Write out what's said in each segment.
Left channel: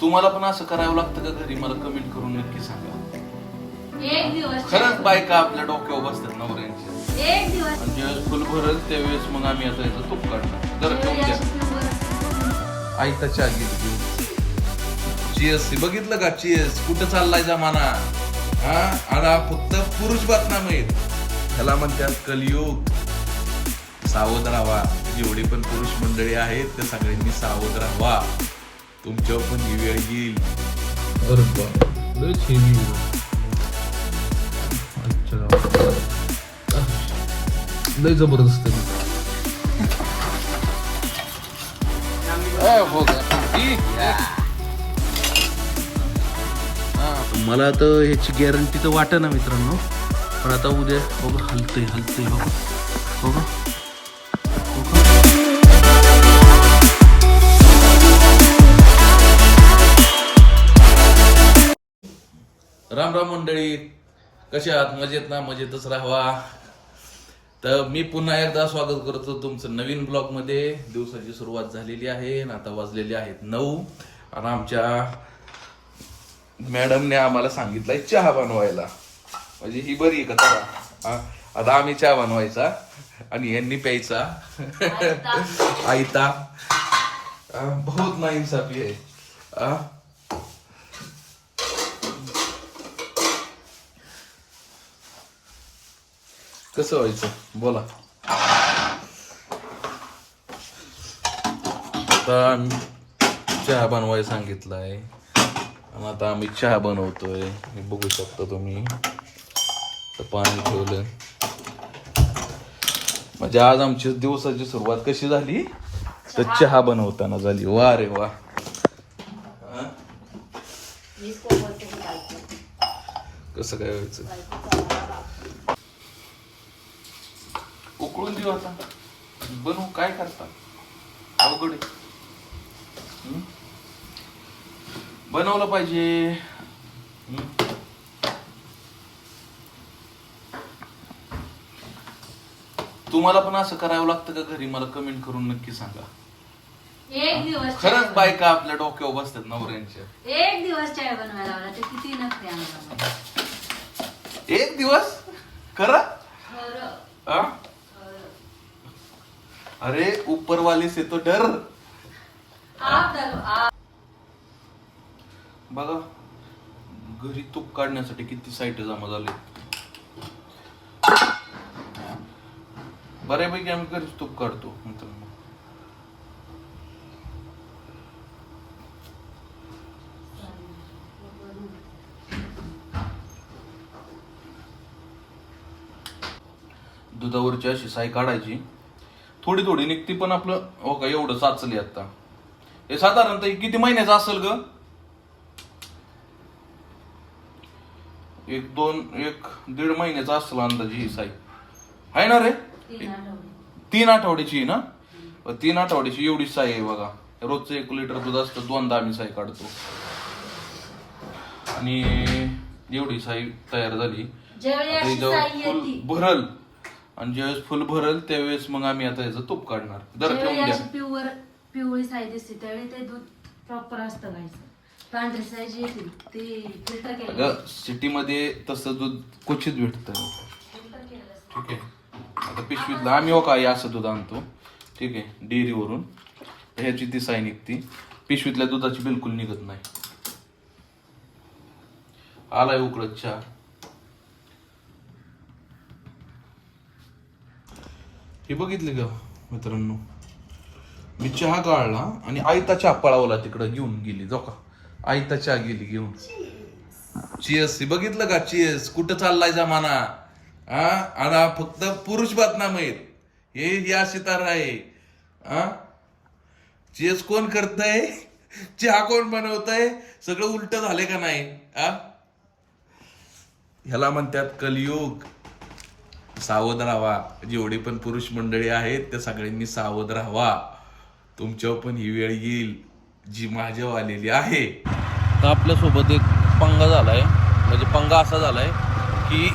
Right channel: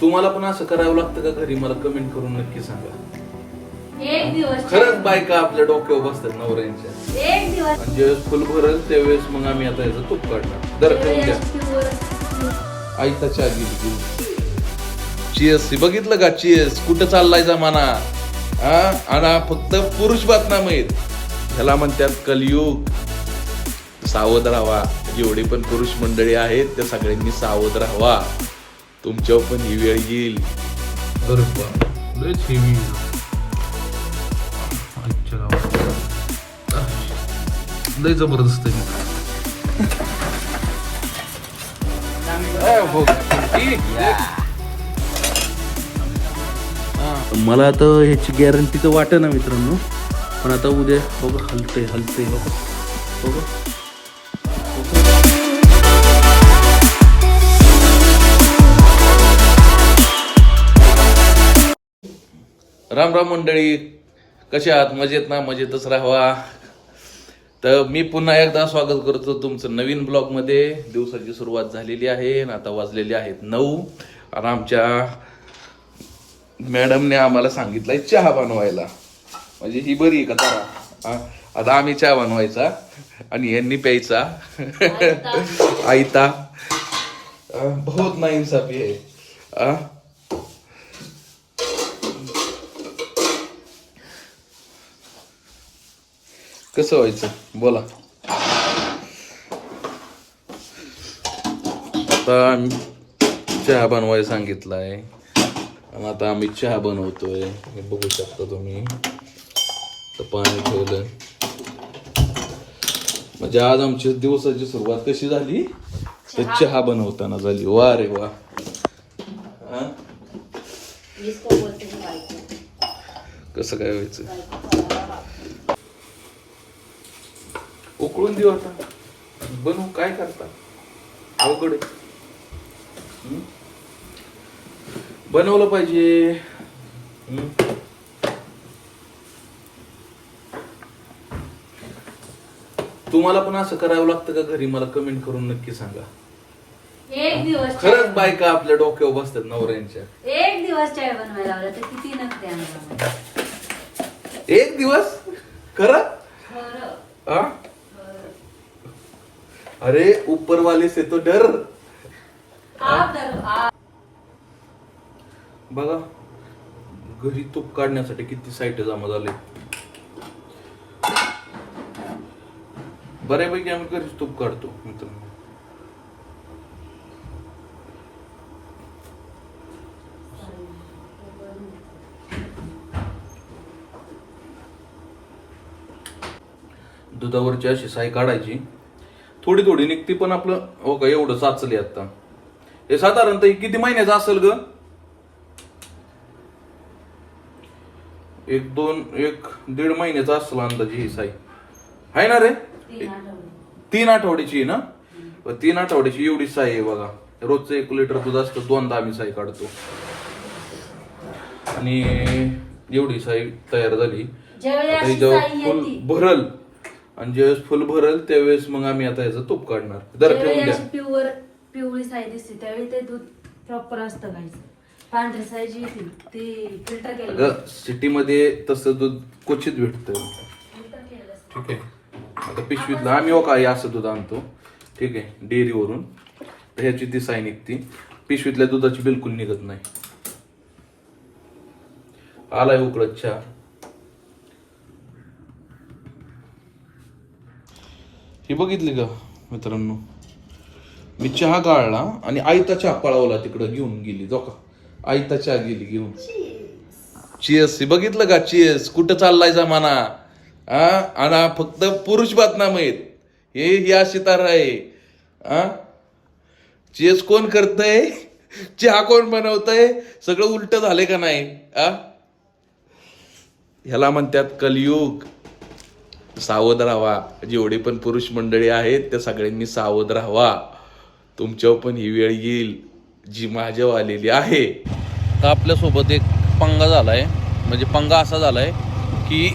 तुम्हाला पण असं करावं लागतं का घरी? मला कमेंट करून नक्की सांगा. एक दिवस खरंच बायका आपल्या डोक्यावर बसतात नवऱ्यांच्या. एक दिवस आणि ज्यावेळेस फुल भरल त्यावेळेस मग आम्ही आता याचं तूप काढणार. दर ठेवून द्या. आईता चहा गेली घेऊन. चीएस बघितलं का? चीएस कुठं चाललाय जमाना? हा आणि फक्त पुरुष बातम्या आहेत. ह्याला म्हणतात कलियुग. सावध राहावा. जेवढे पण पुरुष मंडळी आहेत त्या सगळ्यांनी सावध राहावा. तुमच्यावर पण ही वेळ येईल. लय जबरदस्त मला आता ह्याची गॅरंटी तर वाटत ना मित्रांनो, पण आता उद्या बघा हलतंय बघा बघा. राम राम मंडळी, कसे आहात? मजेत ना? मजेतच राहावा. तर मी पुन्हा एकदा स्वागत करतो तुमचं नवीन ब्लॉग मध्ये. दिवसाची सुरुवात झालेली आहे आणि आता वाजलेले आहेत 9 आणि आमच्या मॅडमने आम्हाला सांगितलंय चहा बनवायला. म्हणजे ही बरी आहे का? आता आम्ही चहा बनवायचा आणि यांनी प्यायचा आयता. बहुत नाइंसाफी आहे. कसं व्हायचं बोला. आता आम्ही चहा बनवायला सांगितलाय आणि आता आम्ही चहा बनवतोय. हे बघू शकता तुम्ही. तर पाणी ठेवलं. म्हणजे आज आमची दिवसाची सुरुवात कशी झाली? तर चहा बनवताना झाली. वा रे वा. कसं काय व्हायचं? उकळून देऊ आता. बनवू काय करता? अवघड आहे. बनवलं पाहिजे. तुम्हाला पण असं करावं लागतं का घरी? मला कमेंट करून नक्की सांगा. एक दिवस खरंच बायका आपल्या डोक्यावर बसतात नवऱ्यांच्या. एक दिवस चाय बनवायला लावला तर किती नसते आम्हाला. एक दिवस खरं? खरं. अरे ऊपर वाले से तो डर. बघा घरी तूप काढण्यासाठी किती साईट जमा झाले. बऱ्यापैकी आम्ही घरीच तूप काढतो मित्रांनो. दुधावरची अशी साई काढायची. थोडी थोडी निघती पण आपलं हो का एवढं साचले. आता हे साधारणतः किती महिन्याचं असेल ग? 1-1.5 महिन्याचा असेल अंदाजे ही साई. आहे ना रे? 3 आठवड्याची ना? 3 आठवड्याची एवढी साई आहे बघा. रोजचं 1 लिटर दूध असतं. 2दा आम्ही साई काढतो आणि एवढी साई तयार झाली. जेव्हा फुल भरल आणि ज्यावेळेस फुल भरल त्यावेळेस मग आम्ही आता याचं तूप काढणार. दर ठेवून द्या. पिवळी साई दिसते त्यावेळी ते दूध प्रॉपर असतं गायचं. पांढरी साई जी ती फिल्टर केलं. सिटी मध्ये तसं दूध क्वचित भेटतं. ठीक आहे. आता पिशवीतलं आम्ही हो काय असं दूध आणतो. ठीक आहे. डेअरीवरून ह्याची ती साई निघती. पिशवीतल्या दुधाची बिलकुल निघत नाही. आलाय उकळत चहा. हे बघितले का मित्रांनो? मी चहा गाळला आणि आयता चहा पळावला तिकडं घेऊन गेली. जो का आयता चहा गेली घेऊन. चीएस बघितलं का? चीएस कुठं चाललाय जमाना? आणि फक्त पुरुष बातम्या आहेत. हे अशी तर आहे. चीएस कोण करतय? चहा कोण बनवतय? सगळं उलट झालंय का नाही? ह्याला म्हणतात कलियुग. सावध राहावा. जेवढे पण पुरुष मंडळी आहेत त्या सगळ्यांनी सावध राहावा. तुमच्यावर पण ही वेळ येईल जी माझ्यावर आलेली आहे. तर आपल्यासोबत एक पंगा झालाय. म्हणजे पंगा असा झालाय की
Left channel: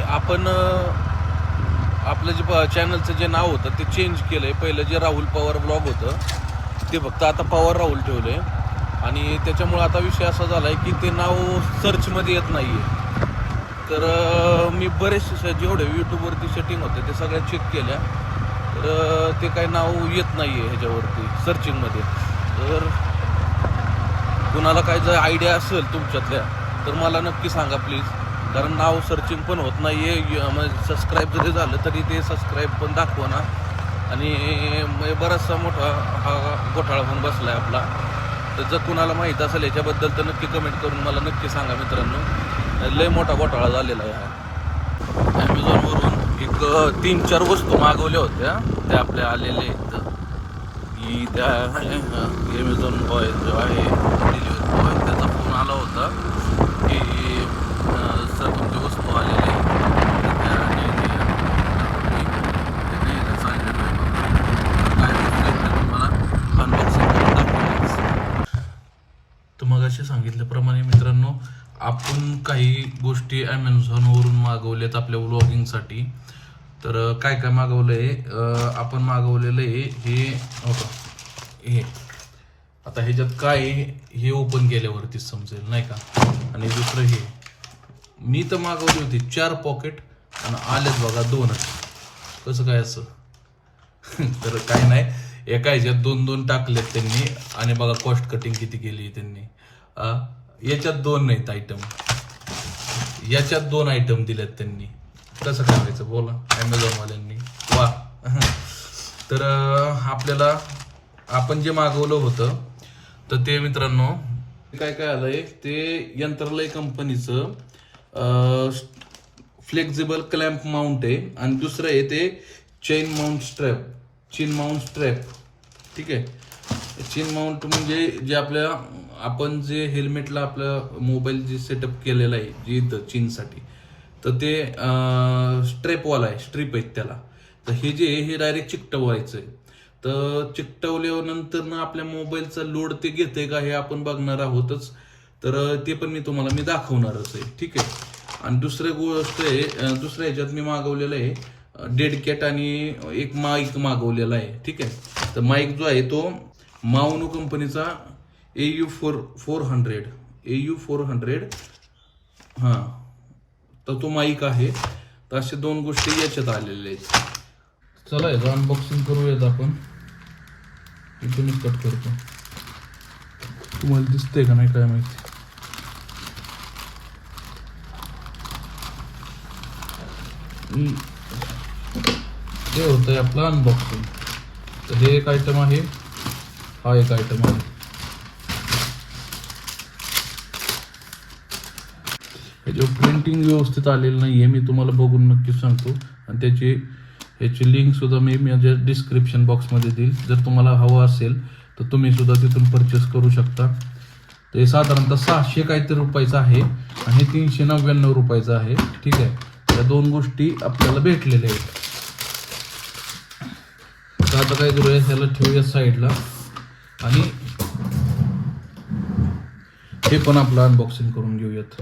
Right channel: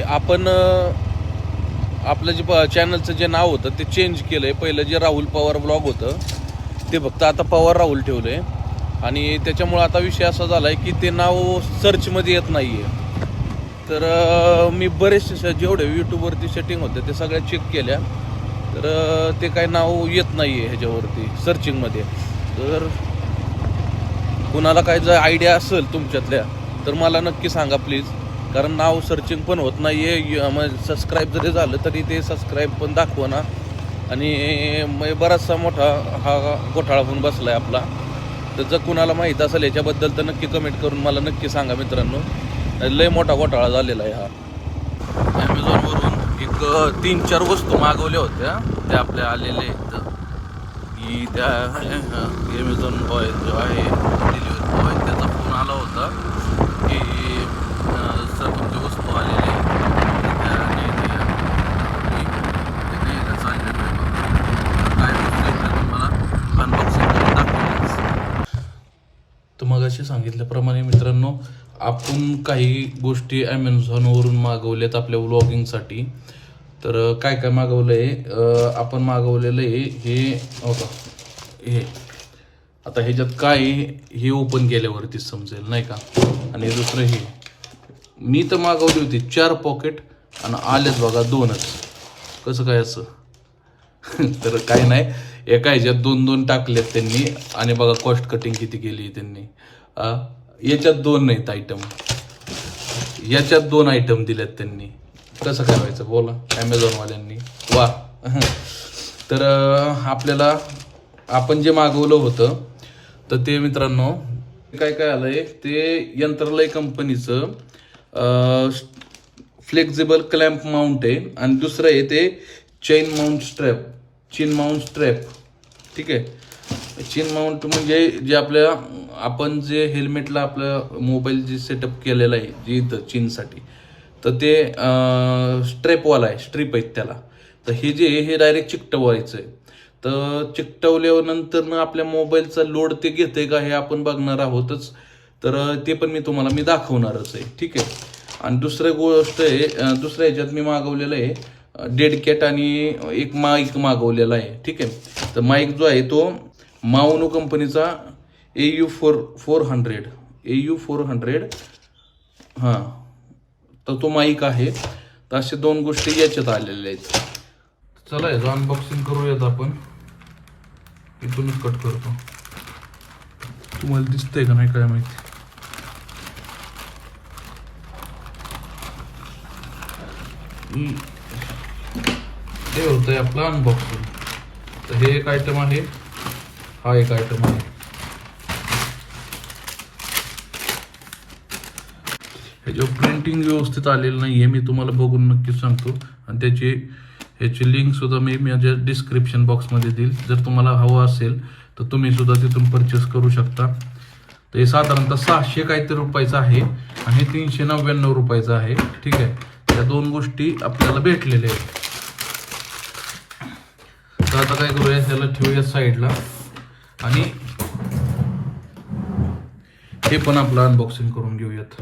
आपण आपलं जे चॅनलचं जे नाव होतं ते चेंज केलंय. पहिलं जे राहुल पवार ब्लॉग होतं ते फक्त आता पवार राहुल ठेवलंय आणि त्याच्यामुळे आता विषय असा झालाय की ते नाव सर्चमध्ये येत नाहीये. तर मी बरेचसे जेवढे यूट्यूबवरती सेटिंग होते ते सगळ्या चेक केल्या, तर ते काही नाव येत नाहीये ह्याच्यावरती सर्चिंगमध्ये. तर कुणाला काही जर आयडिया असेल तुमच्यातल्या तर मला नक्की सांगा प्लीज, कारण नाव सर्चिंग पण होत नाहीये. सबस्क्राईब जरी झालं तरी ते सबस्क्राईब पण दाखवना आणि बराचसा मोठा हा घोटाळा होऊन बसलाय आपला. तर जर कुणाला माहीत असेल याच्याबद्दल तर नक्की कमेंट करून मला नक्की सांगा मित्रांनो. लय मोठा घोटाळा झालेला आहे हा. ॲमेझॉनवरून एक 3-4 वस्तू मागवल्या होत्या, त्या आपल्या आलेल्या आहेत की त्या ॲमेझॉन बॉय जो आहे डिलिव्हरी बॉय त्याचा फोन आला होता की सर तुमची वस्तू आलेली तर मग असे सांगितल्याप्रमाणे मित्रांनो, आपण काही गोष्टी ॲमेझॉनवरून मागवल्यात आपल्या व्लॉगिंगसाठी. तर काय काय मागवलंय आपण मागवलेलं आहे हे आता ह्याच्यात काय हे ओपन केल्यावरती समजेल नाही का. आणि दुसरं हे मी तर मागवली होती 4 पॉकेट आणि आलेच बघा 2च. कसं काय असं? तर काही नाही, एका ह्याच्यात 2-2 टाकलेत त्यांनी आणि बघा कॉस्ट कटिंग किती केली त्यांनी. याच्यात 2 नाहीत आयटम, याच्यात 2 आयटम दिलेत त्यांनी. कसं करायचं बोला ॲमेझॉनवाल्यांनी, वा. तर आपल्याला आपण जे मागवलं होतं तर ते मित्रांनो काय काय आलंय ते यंत्रलय कंपनीचं फ्लेक्झिबल क्लॅम्प माउंट आहे आणि दुसरं आहे ते चेन माउंट स्ट्रॅप. ठीक आहे, चेन माउंट म्हणजे जे आपण जे हेल्मेटला आपलं मोबाईल जे सेटअप केलेलं आहे जे इथं चीनसाठी, तर ते स्ट्रेपवाला आहे, स्ट्रीप आहेत त्याला. तर हे डायरेक्ट चिकटवायचं आहे. तर चिकटवल्यानंतर आपल्या मोबाईलचा लोड ते घेते का हे आपण बघणार आहोतच. तर ते पण मी दाखवणारच आहे. ठीक आहे. आणि दुसरी गोष्ट आहे, दुसऱ्या ह्याच्यात मी मागवलेलं आहे डेड कॅट आणि एक माईक मागवलेला आहे. ठीक आहे. तर माईक जो आहे तो माउनो कंपनीचा AU400 हां, तर तो माईक आहे. तर अशा 2 गोष्टी याच्यात आलेल्या आहेत. चला याचं अनबॉक्सिंग करूयात आपण. इकडून कट करतो, तुम्हाला दिसतंय का नाही काय माहिती. हे होतंय आपलं अनबॉक्सिंग. तर हे एक आयटम आहे, हा एक आयटम आहे. ह्याच्यावर प्रिंटिंग व्यवस्थित आलेलं नाहीये, मी तुम्हाला बघून नक्कीच सांगतो. आणि याची लिंक सुद्धा मी माझ्या डिस्क्रिप्शन बॉक्समध्ये देईल. जर तुम्हाला हवं असेल तर तुम्ही सुद्धा तिथून परचेस करू शकता. तर हे साधारणतः 600 काहीतरी रुपयाचं आहे आणि 399 रुपयाचं आहे. ठीक आहे. त्या 2 गोष्टी आपल्याला भेटलेल्या आहेत. तर आता काय करूया, त्याला ठेवूया साईडला आणि हे पण आपलं अनबॉक्सिंग करून घेऊयात.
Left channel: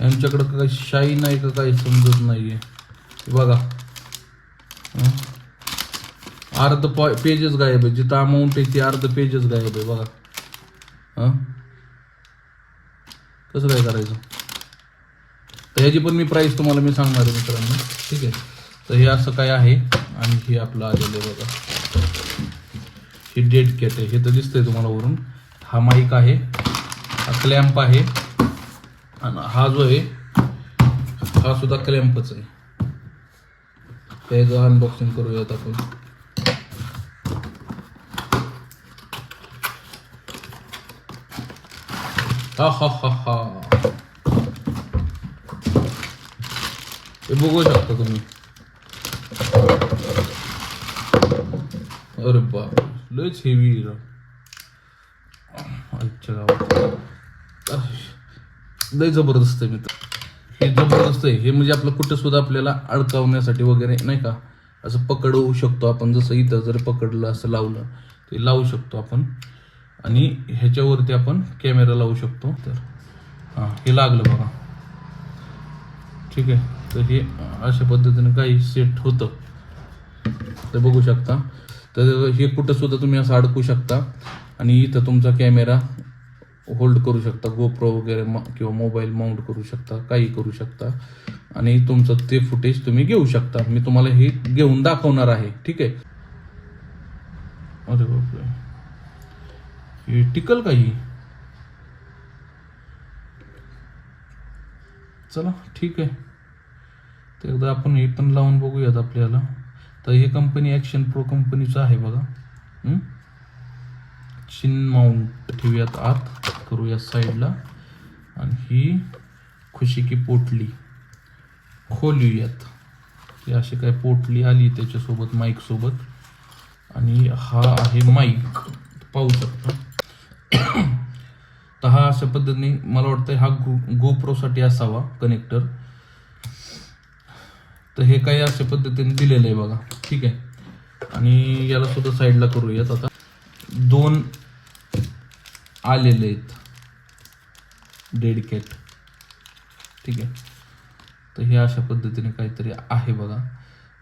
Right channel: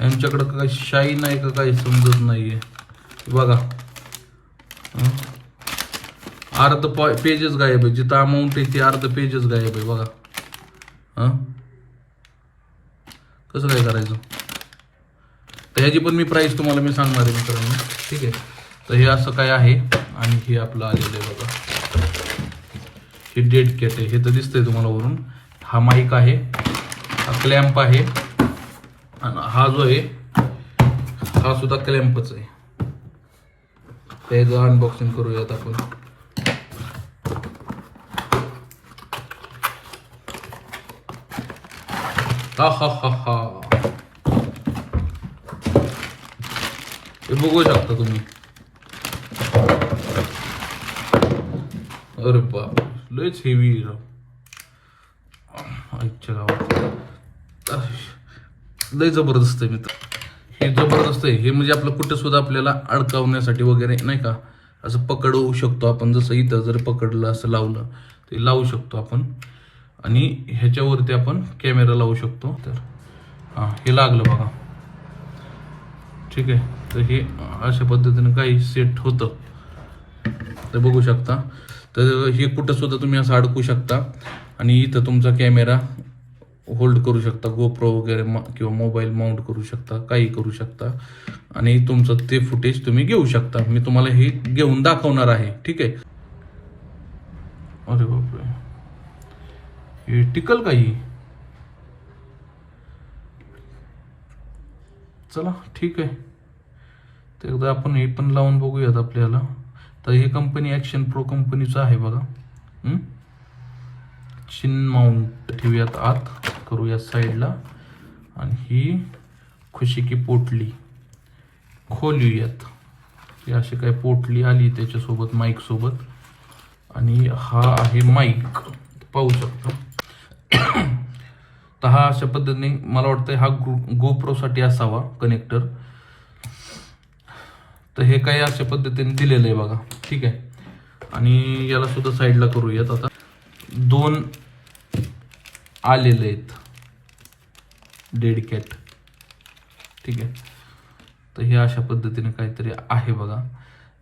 यांच्याकडं काय शाईन आहे का काही समजत नाहीये. बघा अर्ध पेजेस गायब आहे, जिथं अमाऊंट आहे ती अर्ध पेजेस गायब आहे. बघा कसं काय करायचं. तर ह्याची पण प्राइस तुम्हाला मी सांगणार आहे मित्रांनो. ठीक आहे. तर हे असं काय आहे आणि हे आपलं आलेलं आहे बघा. हे डेड कॅट आहे, हे तर दिसतंय तुम्हाला वरून. हा माईक आहे, क्लॅम्प आहे आणि हा जो आहे हा सुद्धा क्लॅम्पच आहे. त्याचं अनबॉक्सिंग करूयात आपण. हा बघू शकता तुम्ही. अरे बाप, लयच हेवी. अच्छा, लय जबरदस्त आहे मित्र. हे जबरदस्त आहे. हे म्हणजे आपलं कुठं सुद्धा आपल्याला अडकवण्यासाठी वगैरे नाही का, असं पकडवू शकतो आपण. जसं इथं जर पकडलं असं लावलं ते लावू शकतो आपण. आणि ह्याच्यावरती आपण कॅमेरा लावू शकतो. तर हे लागलं बघा. ठीक आहे. तर हे अशा पद्धतीने काही सेट होतं, तर बघू शकता. तर हे कुठं सुद्धा तुम्ही असं अडकू शकता आणि इथं तुमचा कॅमेरा होल्ड करू शकता, गोप्रो वगैरे किंवा मोबाईल माउंट करू शकता, काही करू शकता आणि तुमचं ते फुटेज तुम्ही घेऊ शकता. मी तुम्हाला हे घेऊन दाखवणार आहे. ठीक आहे. अरे बापरे, हे टिकल काही. चला ठीक आहे, तर एकदा आपण हे पण लावून बघूयात आपल्याला. तर हे कंपनी ॲक्शन प्रो कंपनीचं आहे बघा. चिन माउंट ठेवूयात आत, करूया साईडला आणि ही खुशी की पोटली खोलूयात. ही अशी काय पोटली आली त्याच्यासोबत माईक सोबत आणि हा आहे माईक, पाहू शकता. तर हा अशा पद्धतीने मला वाटतं हा गोप्रो साठी असावा कनेक्टर. तर हे काही अशा पद्धतीने दिलेलं आहे बघा. ठीक आहे. आणि याला सुद्धा साईडला करूयात. आता 2 आलेले आहेत डेड कॅट. ठीक आहे. तर हे अशा पद्धतीने काहीतरी आहे बघा,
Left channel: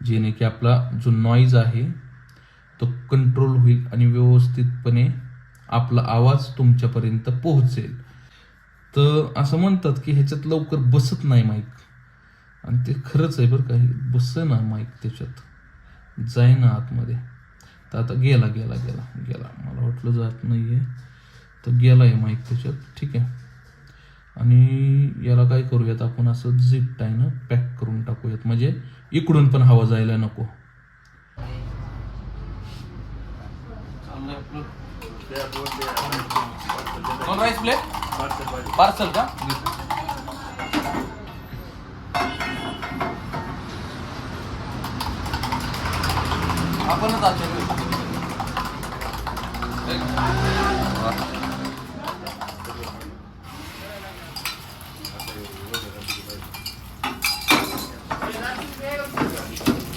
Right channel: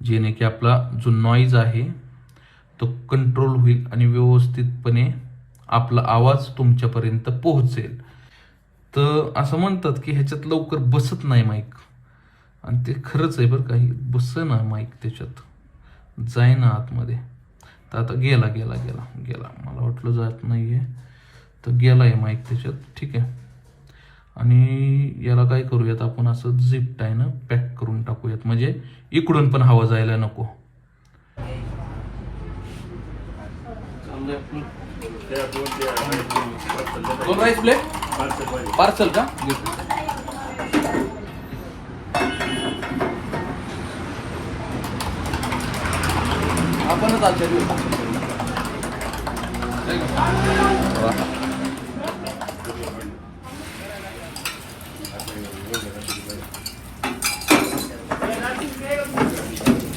जेणे की आपला जो नॉईज आहे तो कंट्रोल होईल आणि व्यवस्थितपणे आपला आवाज तुमच्यापर्यंत पोहोचेल. तर असं म्हणतात की ह्याच्यात लवकर बसत नाही माईक, आणि ते खरंच आहे बरं. काही बस ना माईक त्याच्यात, जाय ना आतमध्ये. तर आता गेला गेला गेला गेला, मला वाटलं जात नाहीये, तर गेलाय माईक त्याच्यात. ठीक आहे. आणि याला काय करूयात आपण, असं झिप टायनं पॅक करून टाकूयात, म्हणजे इकडून पण हवा जायला नको. दोन राईस प्लेट पार्सल का? आपणच आलो.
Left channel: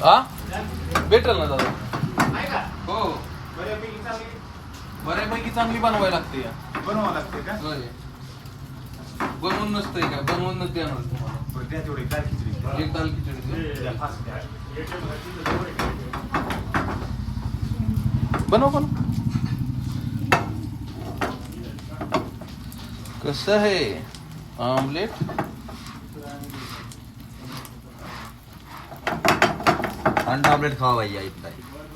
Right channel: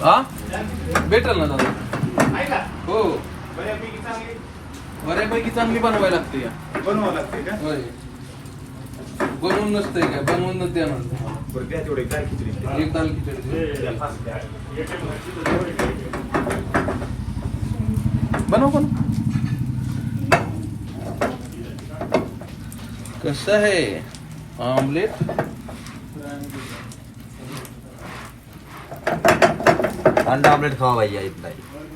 हा भेटेल ना दादा. हो, बऱ्यापैकी चांगली बनवायला लागते. बनवावं लागते का? होय, बनवून नसतंय काय, बनवूनच द्याणार. बरं त्या तेवढे काय खिचडी एक दाल खिचडी बनव पण. कसं आहे ऑमलेट? अंडा ऑमलेट खावा भैया इतना ही.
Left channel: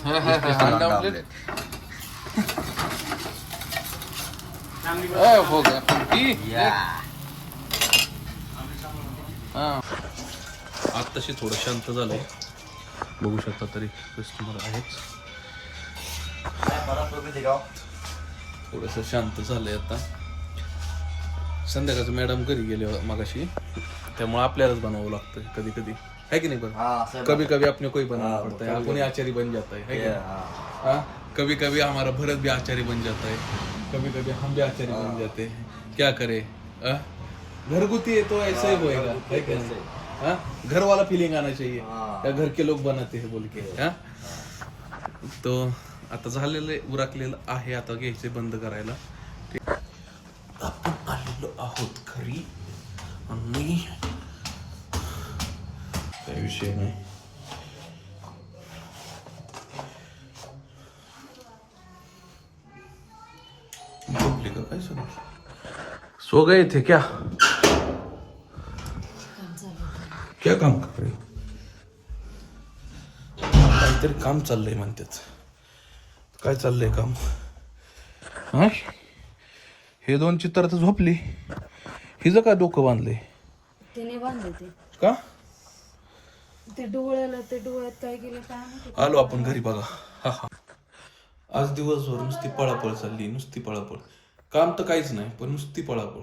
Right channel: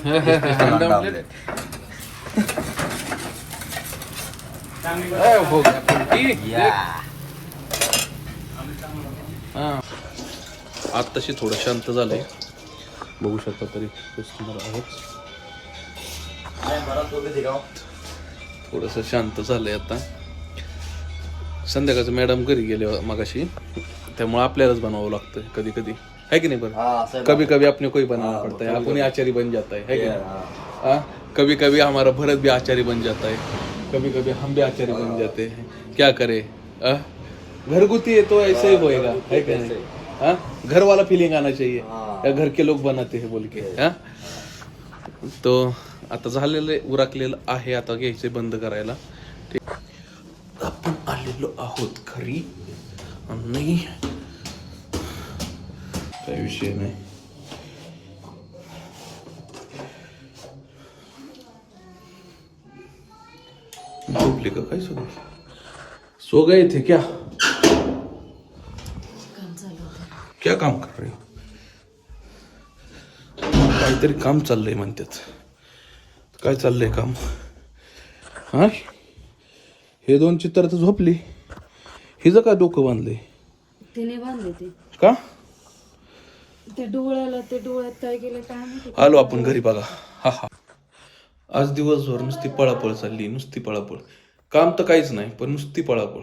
अंडा ऑमलेट हो गया फुलकी. आत्ताशी थोडं शांत झालंय, बघू शकता. तरी कस्टमर आहेत, थोडस शांत झालंय आता. संध्याकाळचं मॅडम घरी गेले मगाशी, त्यामुळे आपल्यालाच बनवावं लागतं कधी कधी, है की नाही? पण कभी कभी अपने कोई बनाना पड़ता है, अपने आचारी बन जाता है कि नहीं? हाँ, कभी कभी हमारा भरत भी आचारी बन जाता है, कभी कभी हम भी आचारी बन जाते हैं. क्या करे, घरगुती है तो ऐसे ही होएगा, है कि नहीं? हाँ, घर वाला फीलिंग आना चाहिए, या घर के लोग बनाते हैं बोल के. हाँ, तो आता झालेलं उरकलेलं आहे, आता घ्यायचे बंद करायला. ठीक, आपण आलेलो आहोत घरी आणि काही विषय नाही. झोपले का काय? सो गए थे क्या? क्या काम कर रहे हो? काहीतरी काम चाललंय म्हणतात. काय चाललंय काम? हा, हे 2 चित्र तर झोपली. हिचं काय डोकं बांधलंय? तिने बांधले ते का? ते डोळ्यात काय केलं काय माहिती. आलो आपण घरी बघा. हा हा, आज दिवसभर नुसती पळापळ चालली, नुसती पळापळ. काम तर काहीच नाही, पण नुसती पळापळ.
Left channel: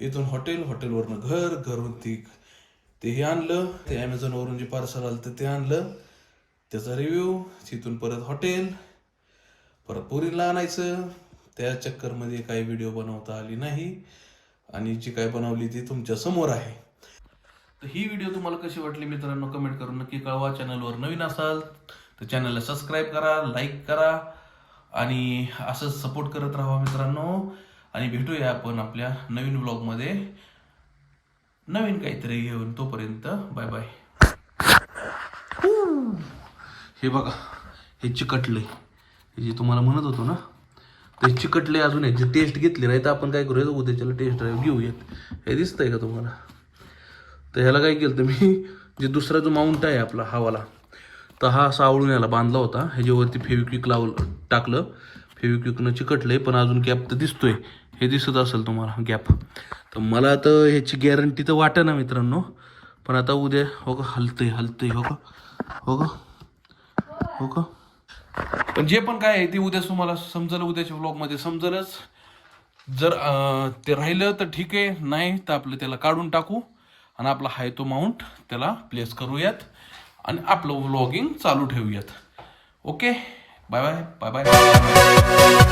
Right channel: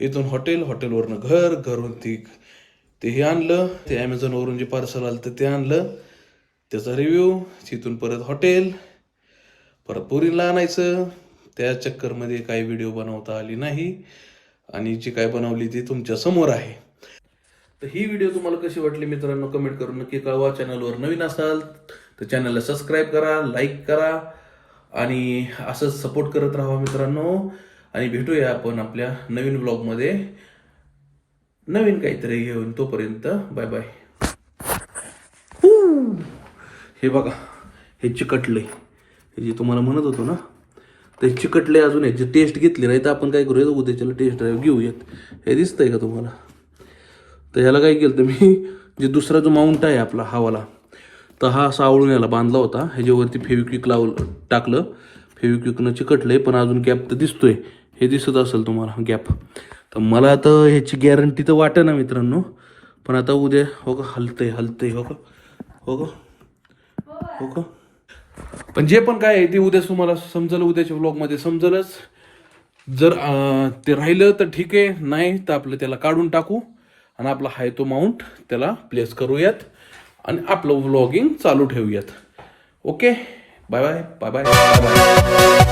इथून हॉटेल, हॉटेलवरनं घर, घरवरती ते हे आणलं, ते ॲमेझॉनवरून जे पार्सल आलं तर ते आणलं, त्याचा रिव्ह्यू, तिथून परत हॉटेल, परत पोरींला आणायचं. त्या चक्करमध्ये काही व्हिडिओ बनवता आली नाही आणि जी काय बनवली ती तुमच्या समोर आहे. तर ही व्हिडिओ तुम्हाला कशी वाटली मित्रांनो, कमेंट करून नक्की कळवा. चॅनलवर नवीन असाल तर चॅनलला सबस्क्राईब करा, लाईक करा आणि असंच सपोर्ट करत राहा मित्रांनो. आणि भेटूया आपण आपल्या नवीन व्लॉगमध्ये. नवीन काहीतरी घेऊन. तोपर्यंत बाय बाय. हे बघा, हे चिकटलंय. हे जे तुम्हाला म्हणत होतो ना, ते चिकटले अजून याची टेस्ट घेतली नाही तर आपण काय करूया, उद्याच्याला टेस्ट ड्राईव्ह घेऊयात. हे दिसतंय का तुम्हाला? तर ह्याला काय केलं तर मी, जे दुसरा जो माउंट आहे आपला हवाला, तर हा सावळून याला बांधला होता. ह्याच्यावरती फेविक्विक टाकलं, फेविक्विकनं चिकटलंय, पण अजून गॅप तर दिसतोय. हे दिसत असेल तुम्हाला गॅप. तर मला आता ह्याची गॅरंटी तर वाटत ना मित्रांनो, पण आता उद्या हो का हलतंय हो का, हो का, हो का. पण जे पण काय आहे ते उद्या तुम्हाला समजेल, उद्याच्या व्लॉगमध्ये समजेलच. जर ते राहिलं तर ठीक आहे, नाही तर आपलं त्याला काढून टाकू आणि आपला हाय तो माउंट त्याला प्लेस करूयात आणि आपलं व्लॉगिंग चालू ठेवूयात. Okay, bye bye bye bye bye.